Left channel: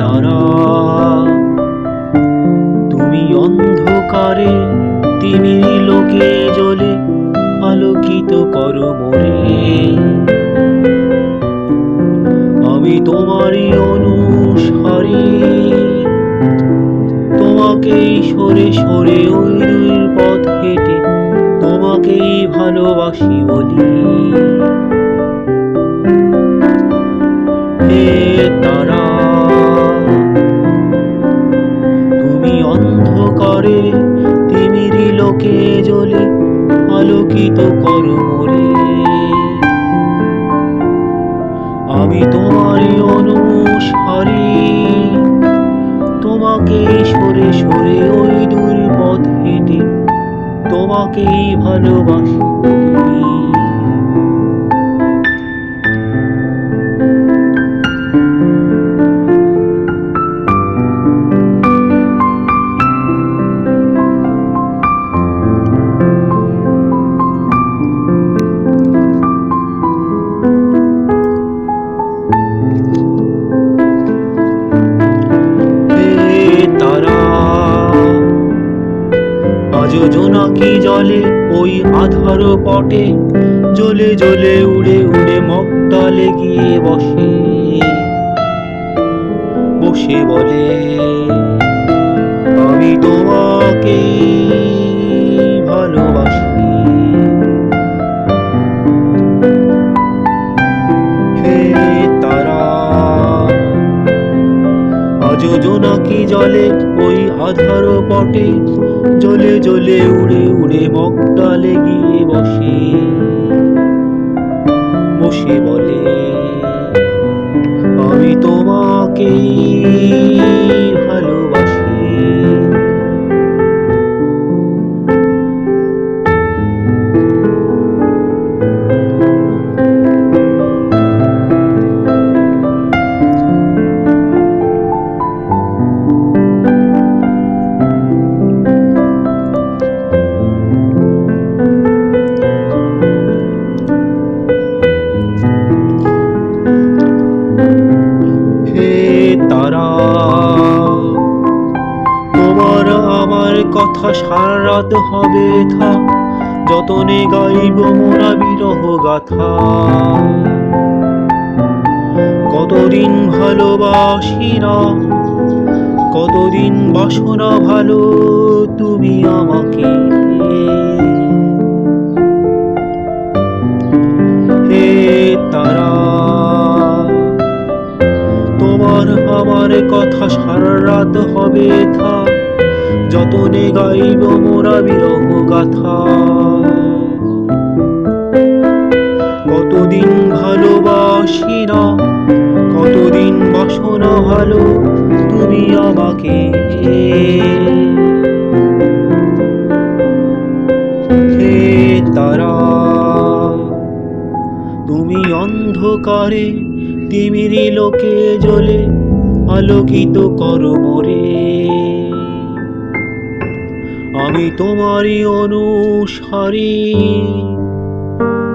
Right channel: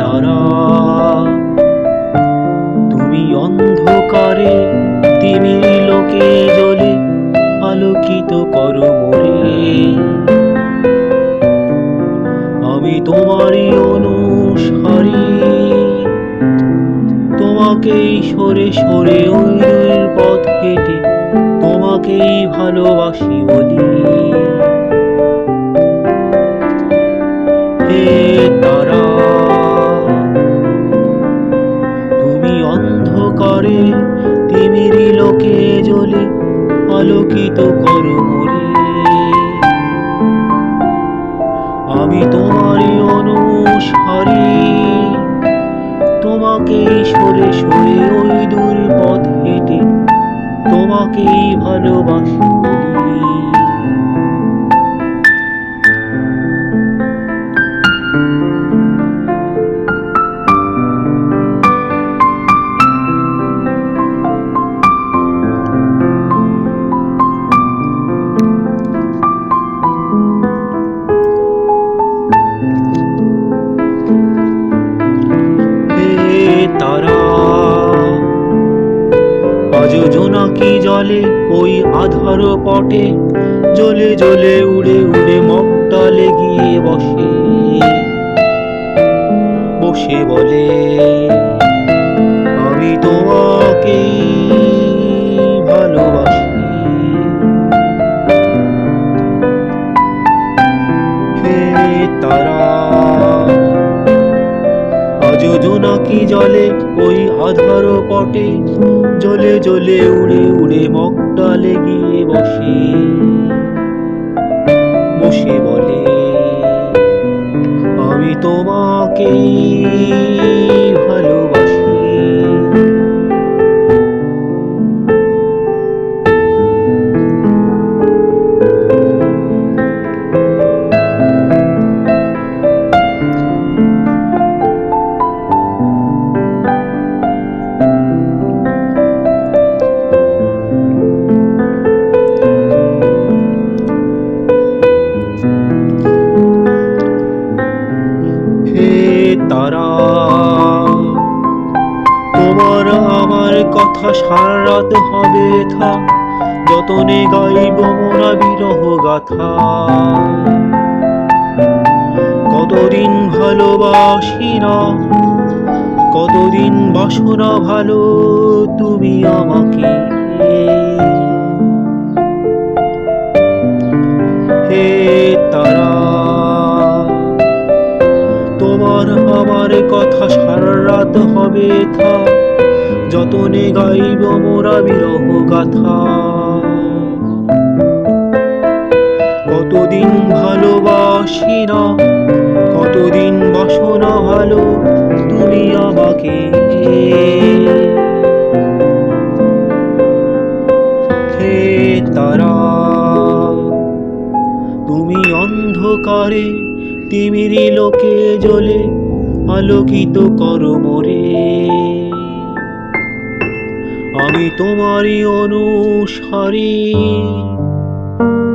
তারা তুমি অন্ধকারে তিমির লোকে জ্বলে আলোকিত করো মোরে। আমি তোমারই অনুসারী, তোমাকেই সরে সরে ওই দূর পথ হেঁটে তোমাকেই ভালোবাসি বলি। হে তারা তুমি অন্ধকারে তিমিরি লোকে জ্বলে আলোকিত করো মোরে। আমি তোমারই অনুসারী, তোমাকেই সরে সরে ওই দূর পথ হেঁটে তোমাকেই ভালোবাসি বলি। তারা আজ জোনাকি জলে ওই আধার পটে জ্বলে জ্বলে উড়ে উড়ে মগডালে গিয়ে বসে বসে বলে আমি তোমাকেই ভালোবাসি। হে তারা আজ জোনাকি জলে ওই আধার পটে জ্বলে জ্বলে উড়ে উড়ে মগডালে গিয়ে বসে বসে বলে আমি তোমাকেই ভালোবাসি। হে তারা তোমার আমার কথা সারা রাত হবে থা, যতনে গাইব মোরা বিরহ গাথা। কতদিন ভালোবাসি না, কতদিন বাসনা ভালো তুমি আমাকে। হে তারা তোমার আমার কথা সারা রাত হবে থা, যতনে গাইব মোরা বিরহ গাথা। কতদিন ভালোবাসি না, কতদিন বাসনা ভালো তুমি আমাকে। হে তারা তুমি অন্ধকারে তিমিরি লোকে জ্বলে আলোকিত করো মোরে। আমি তোমারই অনুসারী,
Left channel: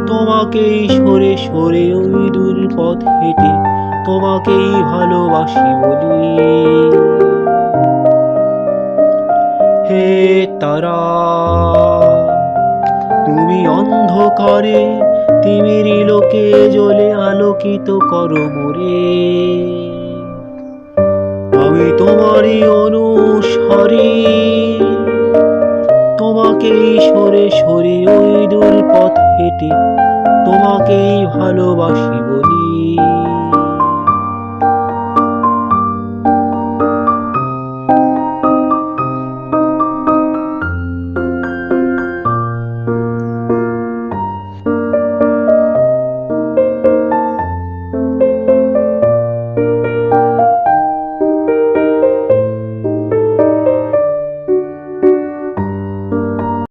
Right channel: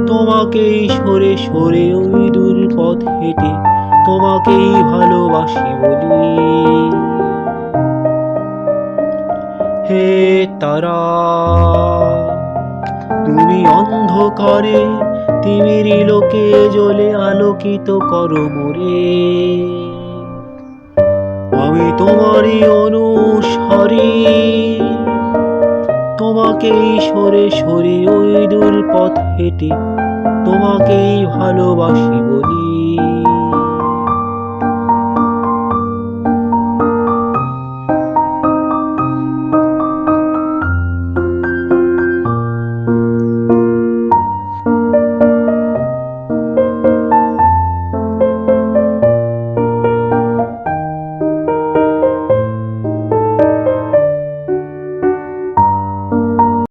তোমাকেই সরে সরে ওই দূর পথ হেঁটে তোমাকেই ভালোবাসি বলি। হে তারা তুমি অন্ধকারে তিমিরি লোকে জ্বলে আলোকিত করো মোরে। আমি তোমারই অনুসারী, তোমাকেই সরে সরে ওই দূর পথ হেঁটে তোমাকেই ভালোবাসি বলি।